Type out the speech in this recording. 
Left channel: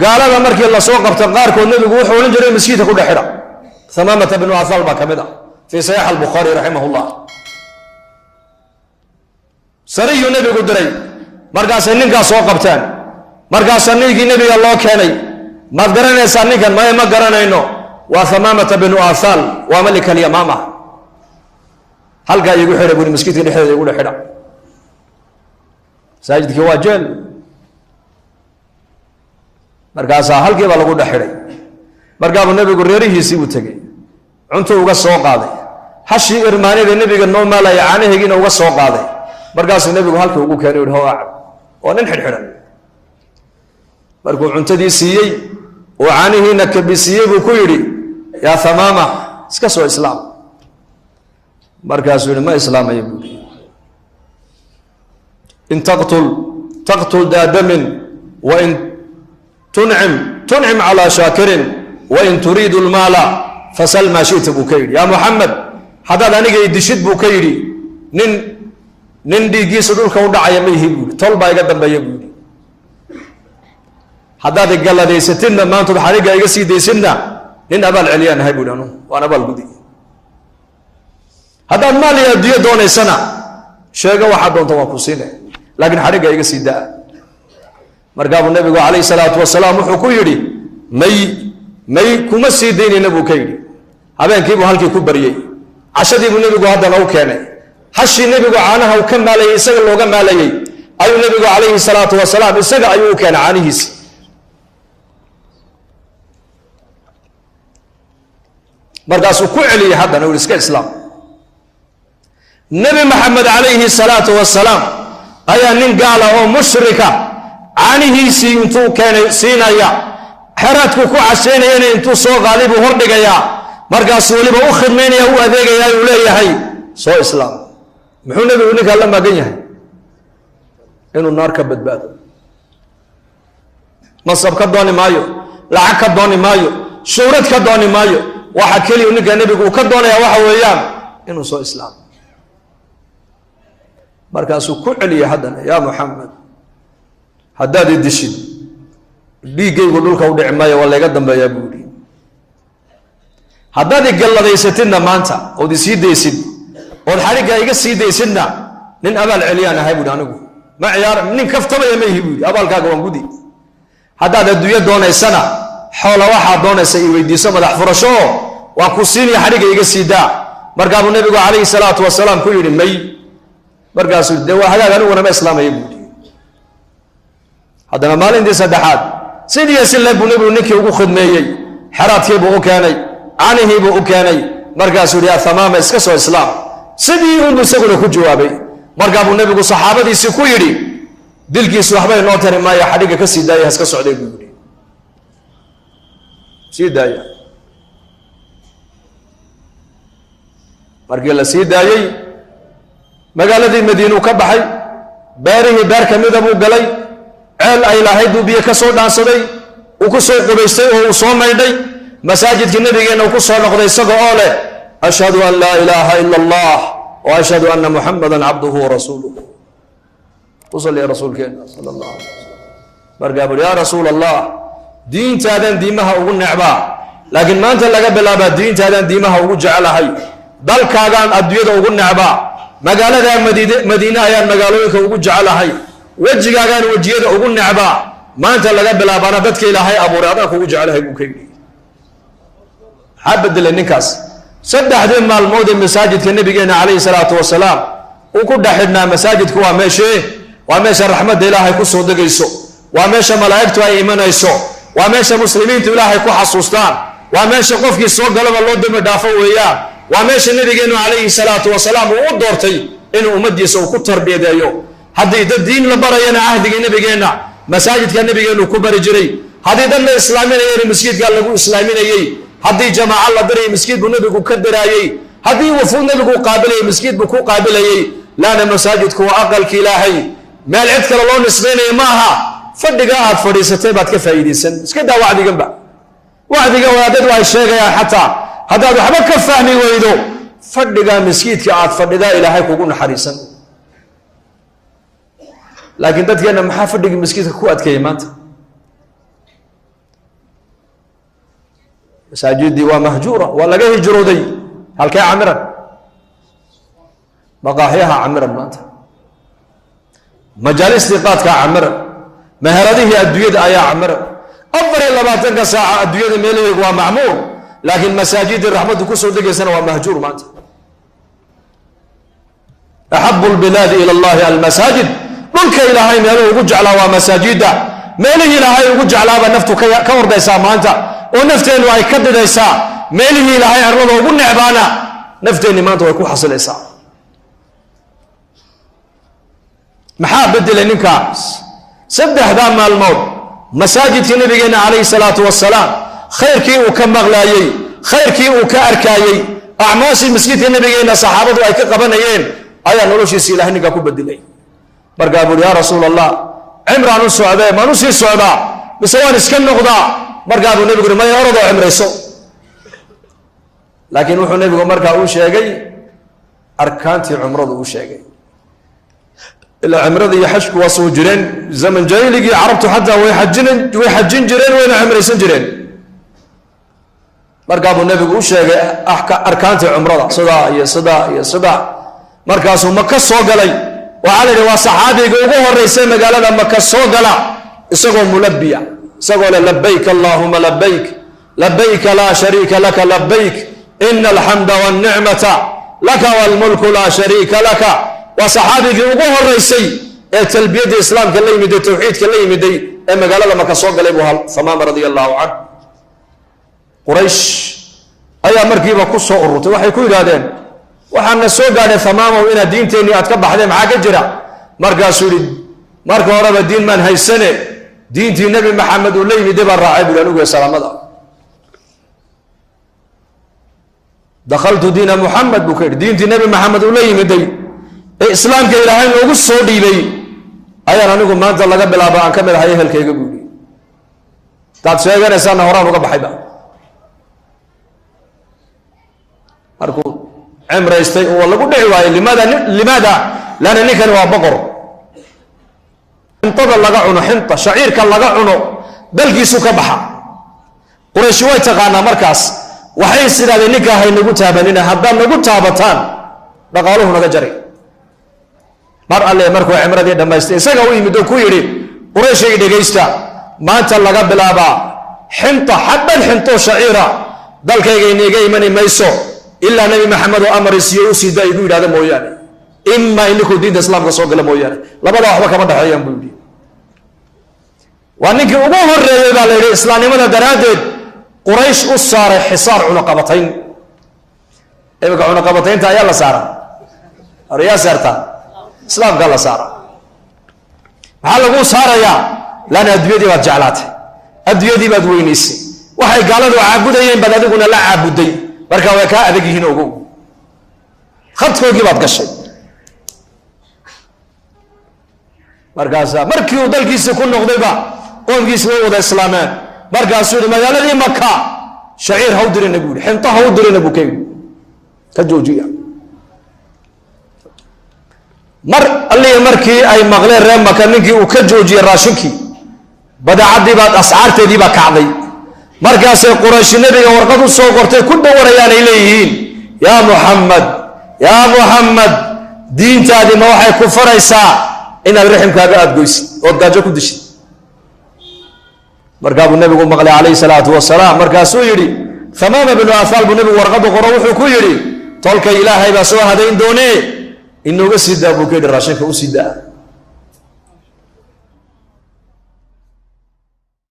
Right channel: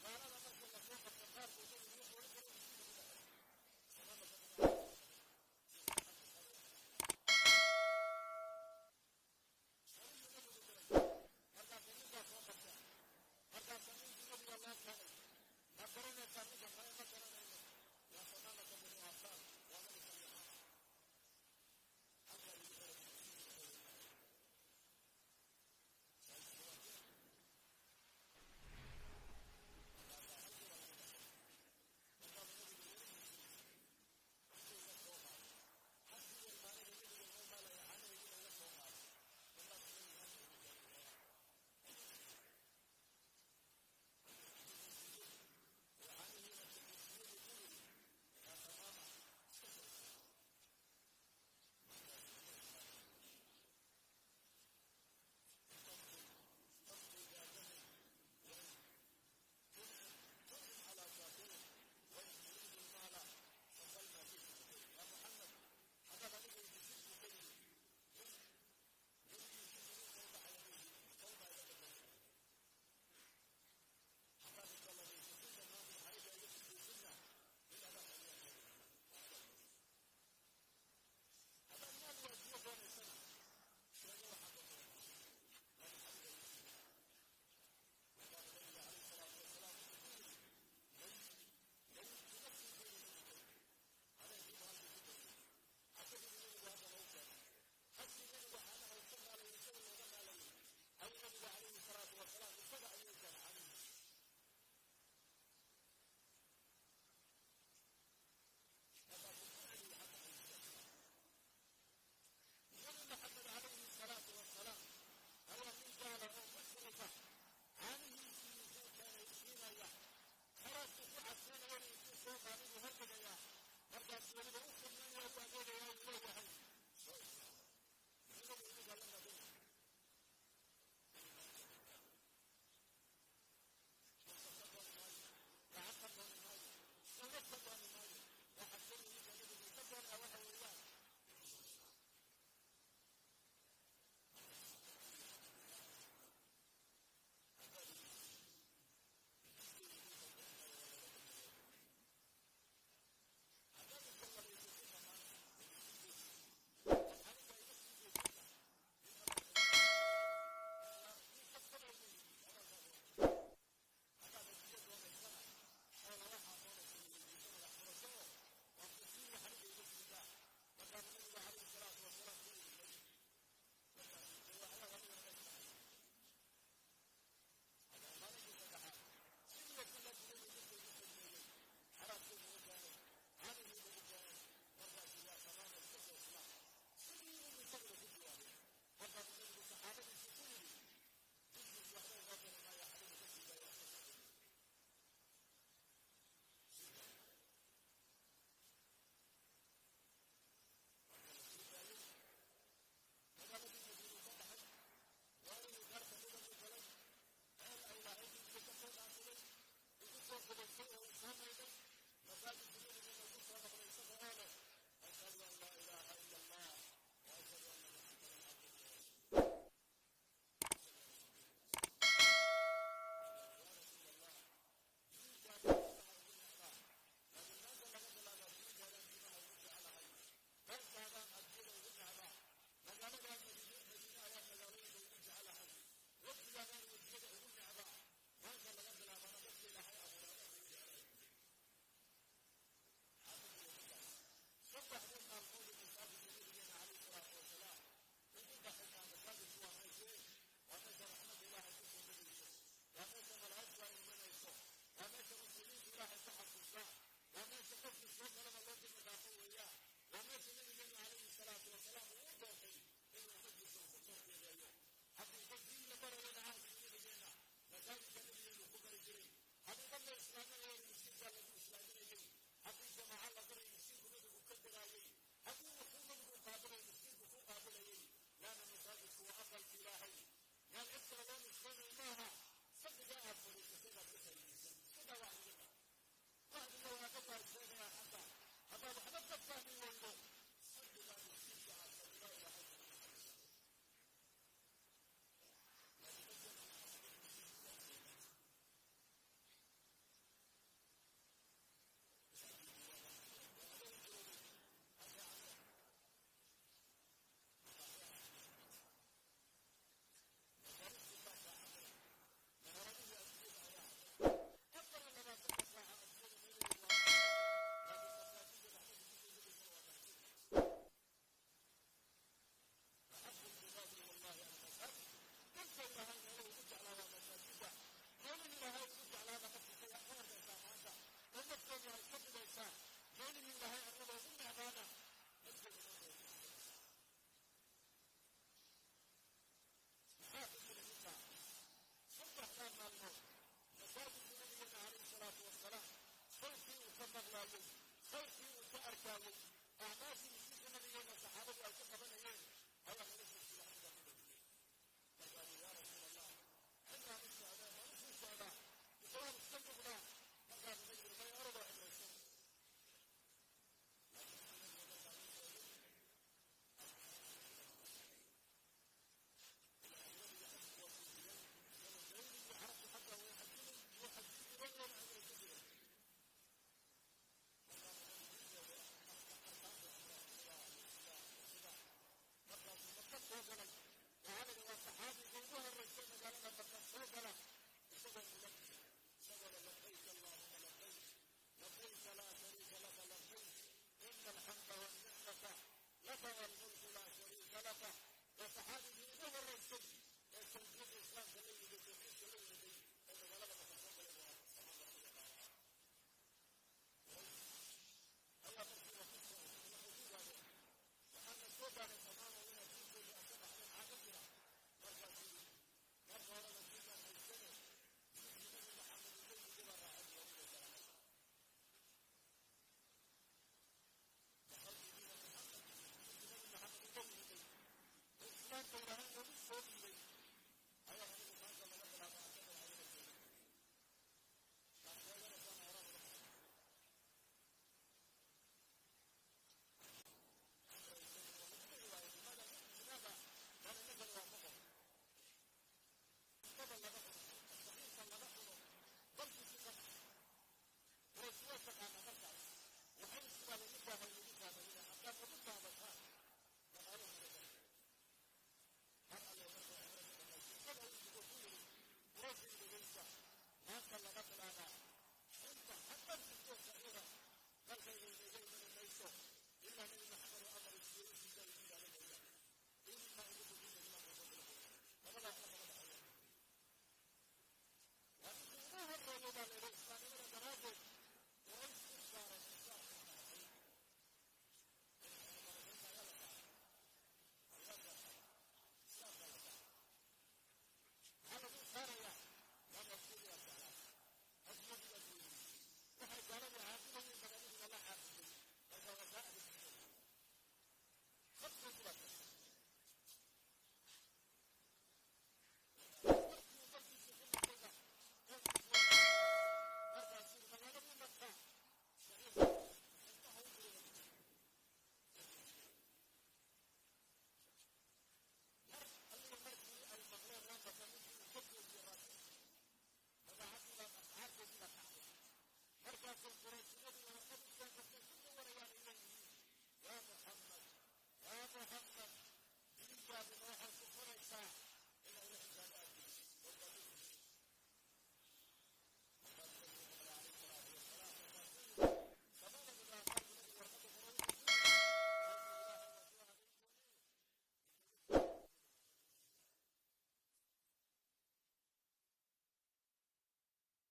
قال هذا مركي الله سوق بتقارك والنبي يقول حول جري مسكيته كل حرة ثمامة بن عثال كمدا في صحيح البخاري رحمه الله سري النبي قدري مركا سنين سوق بتان مركا سنين النبي الله كاني ما قرنا سنين كان ما قرنا إنه وثمامة بن عثال وملك اليمامة هل قال يقول حرة يقول مسكيته حرة يقول حرة ساجد كواجل markaasa halkii baa lagu dhaxidhay markaa nabigu reerihiisii uu tagay cunto uga soo qaaday hashi irmaanida nabiga noo maalay caanaheegina uga soo qaaday markaas nabigu halkii ugu keenay oo aacad oo nin xidhxidhan markuu cuntadii siiyay oo caanaheena ka bisiyay buu ku yiri yaa Thamaama iska soo islaam markaas uu ma islaamayo buu in taqtul daadamin wa in تنعم على شاكر وإن تريد المال فسل ما شئت بكير يا محمد هذا أنا جاي دشيت بكير نن دي جيس دول كون دعيا ميه طول باي قدام بيجي هذا قال لي ستنا ما أنتم حريقة يجسي دي سنة نن أبال عليان هاي بودانو وأنا أبال بدي هذا المال يديه دون سنة شيء واحد دون توقفينه لكن حريقة يجسي ده markaa nabigu kaleey salaatu wasalaam wuxuu ku yiri may kuma sii deynina buu ka yiri habeenkii buu halkii ku bariyay cashadii buu nabigu hadana u keenay hashi nabigu caanaha uu ka maalayay isaga looga maalayay ayuu nabigu kaleey salaatu wasalaam isaga ayuu u keenay caanihiisa markaas uu ku celiyay hadana uu iska islaam nabi maxamed kaleey salaatu wasalaam ayaa nin gaala oo mushrika caanihiisi intuu keenay siinaya xaraadku ku casheynayna intuu soo qaalibu hor dhigaya markaas waliba u khidmeynaya u adeegaya uu leeyahay soo islaam muxuu nabigu ninka la magan yahay inuu naar ka badbaado masab ka dooni maayo lacag ka dooni maayo shuurad ka dooni maayo waxa kaliya ninka nabigu ka doonaya waxa weeyaan inuu soo islaam markaas uu ku celiyay hadana yaa Muhammad haddaad dishid dhiigaygu dhulka u dhici maayo wala iga dambeeyaa buuri haddaad galladaysatina maanta oo sii deysid oo xariga iga sii deysidna nin abaal celiyaan ahay buuri anigu ma ciyaar nin kaftabaya ma yihi buuri abaalkaaga waan gudi haddaad adduunya doonaysana xoola waxa doonaysa i weydiiso madax furasho waa ku siinaya xariga iga sii daa markaa nabigu kaleey salaatu wasalaam ku yiri may markaas de waa hagaag anigu ma islaamay buuri haddana maalintii saddexaad sidii silay buu nabigu ninkii ugu khidmeeyay xaraadkii buu u keenay caanihii buu u keenay markaasuu yiri Thamaama iska soo islaam sidii uu isaguna ku jawaabay markaa buu nabigu saxaabadiisii ku yiri dilkiisu waxba inoo tari maayo xadiga ka sii daayay iska socday buu yiri sii daayay markii la sii daayay magaaladii Madiina ka baxay beerihii beer kamida buu galay ceel ay lahayd biyo ka soo dhaansaday uu ku soo qubaystay oo uu soo maydhay masaajidka nabigeena uu ku soo noqday isagoo oo leh ashhadu an la ilaha illa allah wa ashhadu anna muhammadan abduhu wa rasuluhu وصلي يا رسول كنا صلى الله عليه وسلم برقابل يا رسول الله دين تادن ديمها وقل نعبا لكن ما أنت لقى بلا دين تادن ديمها وقل جعلها دل كاغان أدوية وقل نعبا مقالة ذا مدينة أيان مقالوك وقل جعلها وجه كاغان وجيه وقل نعبا ما أنت لقى بلا بانا بدك إلهي أبو رادك وقل جعلها وكيلي حابد للنكاس سد حدين مع الموت المساجد كالنبي عليه الصلاة والسلام وكل حدنا مساجد كوا ماشي وماشى رحمة إلهي كسر دقيسو وماشى ملائكته أي إيمان يسوع وماشى مسلمين إلهي كحصوصان وماشى قفك السوق قلب الله دم دافعوا إياه وماشى النبي عليه الصلاة والسلام وقدرتي إنه أمد يسوع كتر بيدايو هذا الدين لبرينا عهد النبي جينا مساجد كان النبي جينا كبر جري هذا دم الإسلامين يري مسجد قال له إسلامين يي هذه جماعة الله دري مسجد بالنبي كقدر يي هذه وفود النبي قابل مسجد بكو قابل يي لا مساجد كوا أقل كإلهي ما العذكر الله نسبيني معها فدقاء فريستي بعد كيف يديسن كده وعد جنبه وعد جوادد وعشاء يا حتى هذا حبك فهمي ويدو فدقاء مسكيت كعاد فدقاء إلى هيك وقولنا حريصا لكن تدقى أن محافظ مسكيت كوات كيمات masaajidii waa mahjuura waa laga hijrooday halkee camiran maqaaxyaha camiran maanta majaalistii qaadkaa camiran meheradihii adduunyada ayaa camiran 24 saaca adduunyada meelaheegu waa macmuur laakiin masaajidii raxmadu ku soo degaysana waa mahjuur maanta ahabbu albilaadi ila allahi almasaajid dhulka ilaahay meeluhu ugu jeclaa waa masaajida meelihii ilaahay ugu jeclaaba naftu ka hordaysaa maanta oo nafteennu ay ka didaysaa meelihii ilaahay arlada ugu necbaana nafteenni maanta way ku xasilaysaa maxaa bedelay ninkaas saddexdaa maalmood masaajidkii nabigeena calayhi salaatu wasalaam khayrkii uu ka maqlaayey khayrkii uu ka arkaayey acmaashii masjidka nabigeena saxaabadu ay ka qabanayeen ayaa noloshiisa ilaahay ninkaa ku bedelay markaa buuri yaa rasuul allah cimraan u socdee maan u sii socdaa mise waan iska noqdaa markaa buu nebigu may orodoo cimrayso laakiin wuxuu nebigu markaa uu sheegay arkaantii cumradu uu sheegay ilaa cimrada iyo xajku waa soo jireen zaman jaahiligii carabtu xataa way xajin jireen wayna cimraysan jireen markaa buu nebigu u sheegay arkaantii cumrada sidaa iyo sidaa iyo sidaa markaasuu maka soo galay waxaa la yidhi waa saxaabiga ugu horeysay magaalada maka soo gala isagoo mulabiya isagoo le labayk allahuma labayk labayka laa shariika laka labayk ina alxamda walnicmata laka walmulku laa shariika laka waa saxaabigii ugu horeysay ee talbiyadda islaamka la yimiday tawxiidka la yimiday ee magaalada maka soo galay buu Thamaama radia allahu canhu quraysh ayaa markiiba ku soo ururtay waxay ku yidhaahdeen waxaana soo gaadhay Thamaamaw inaad diinteenni aad ka baxdeen maxaa ka jira markaasuu yidhi marka horeba diin maan haysane diintii nebi maxamed uu la yimiday baan raacay buu anigu salaamada dakhaltu diina muxamed buu ka yidhi diintii nebi maxamed uu la yimiday ee islaamka ilaahay noogu soo dhiibay ayaan anigu maanta laga bilaabo aan ka mid ahay ehelkayga buu yidhi taad sheeganaysaana horaan uga baxayba markuu cimraystay oo lagu dhici waayey limaada lana ninkani waa boqor xintada laga cuno xinta shaciirka laga cuno dalkiisu ka baxa quraysh way taqaanaa markaas waxay sidaaday ninka hay nagu taabanina haddaad nagu taabataan dhaqaaluhu naga jaray mar alle markuu cimradii dhammaystay isaga u yimid oo ku yidhi qurayshay dhegaysta maanta laga bilaabaa xinta xabban xintoo shaciira dalkayga iniga imani mayso ilaa nabi maxamed oo amar isiyo u sii daayay buu yidhahda mooyaane ima ininkuu diinta islaamka soo gala mooyaane labada waxba kama dhexeeyaan buu yidhi waa ninkii ugu horeeyey baa la yidhi islaamnimada daraaddeed quraysh u saaray xisaar cunaqabatayn imika cunaqabataynta ayaa la saaraa ayaa saartaa islaamkaa la saara maxaa lagu saarayaa laana adduunyadii baad jeclaatay adduunyadii baad weynaysay waxay gaaladu caabudayeen baad adiguna la caabuday marka way kaa adag yihiin ogow khadkoogii baad gashay markaasaa markii uu dalkiisii ku noqdayba qoomkiisi way wada islaameen markaasuu yidhi magaaladii maka shaciir ha u dirina buu yidhi xinto ha u dirina buu ka yidhi ka joojiya mar allihii markii ay maqleen reer maka ninkii uu ka joojiyey raashinkii badeecadii baad ascaarteedii baa kacday markaasay qurayshi nabiga warqad u soo qortay ku dhawarayaan ay leeyihiin yaa muxamed diintaadii ma waxay ku faraysaa inaad riximkaaga aad goysid ood gaajo ku dishid markaa buu nabigu maqlay calayhi salaatu wasalaam markaasuu yidhi Thamaama binu Athal buu nabigu warqadu qoro wuxuu ku yidhi tolka ilaahay baa soo hadayn doonee inooga sii daa buu ka yidhi raashinka u sii daa